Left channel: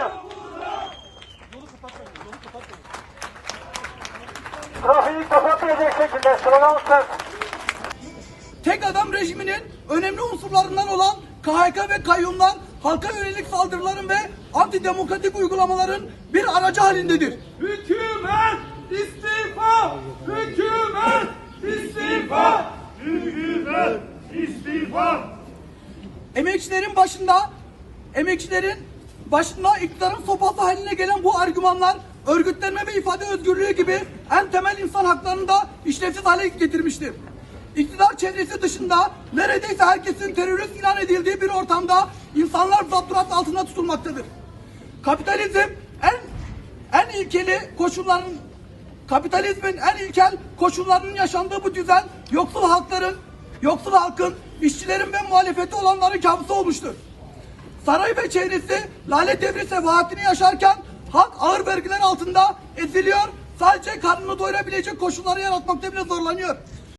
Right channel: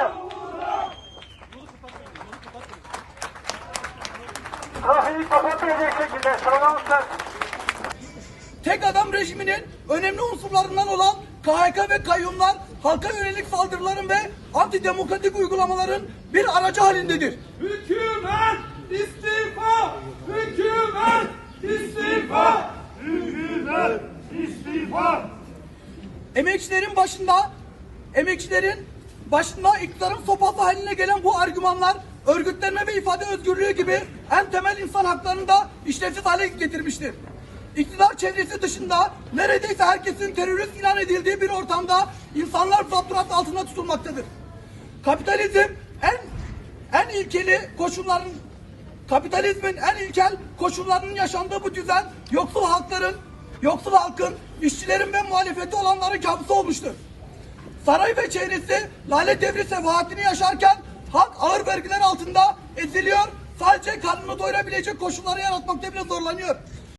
Hanım. Trafiği kapatmayacak şekilde sıralamızda Tek adam rejiminin önemli unsurlarından olan KHK ve kayyumlar halka yönelik saldırıların ve antidemokratik uygulamaların bir aracı halindedir. Hükümet istifa! Hükümet istifa! Hükümet istifa! Emekçilerin başında emekçilerin başında iktidarın sopası haline gelen bu argümanlar örgütlenme ve ifade özgürlüğü gibi en temel insan haklarını da işlevsiz hale getirmiştir. İktidar çevresi dışında neredeyse herkesin terörist ilan edildiği bir ortamda insanlar zapturat altında tutulmaktadır. Kapitalizm en en ilkeli koşulların kapitalizmin en ilkel koşullarının yaşandığı bu düzen yoksul halkların, yoksul halkın, işçilerin ve muhalefeti olanların kabusu olmuştur. Saray ve çevresi lale devri sefahatini yaşarken halk ağır vergiler altında eziliyor, sadece karnını doyurabilecek koşulları yaratmakta bile zorlanıyor.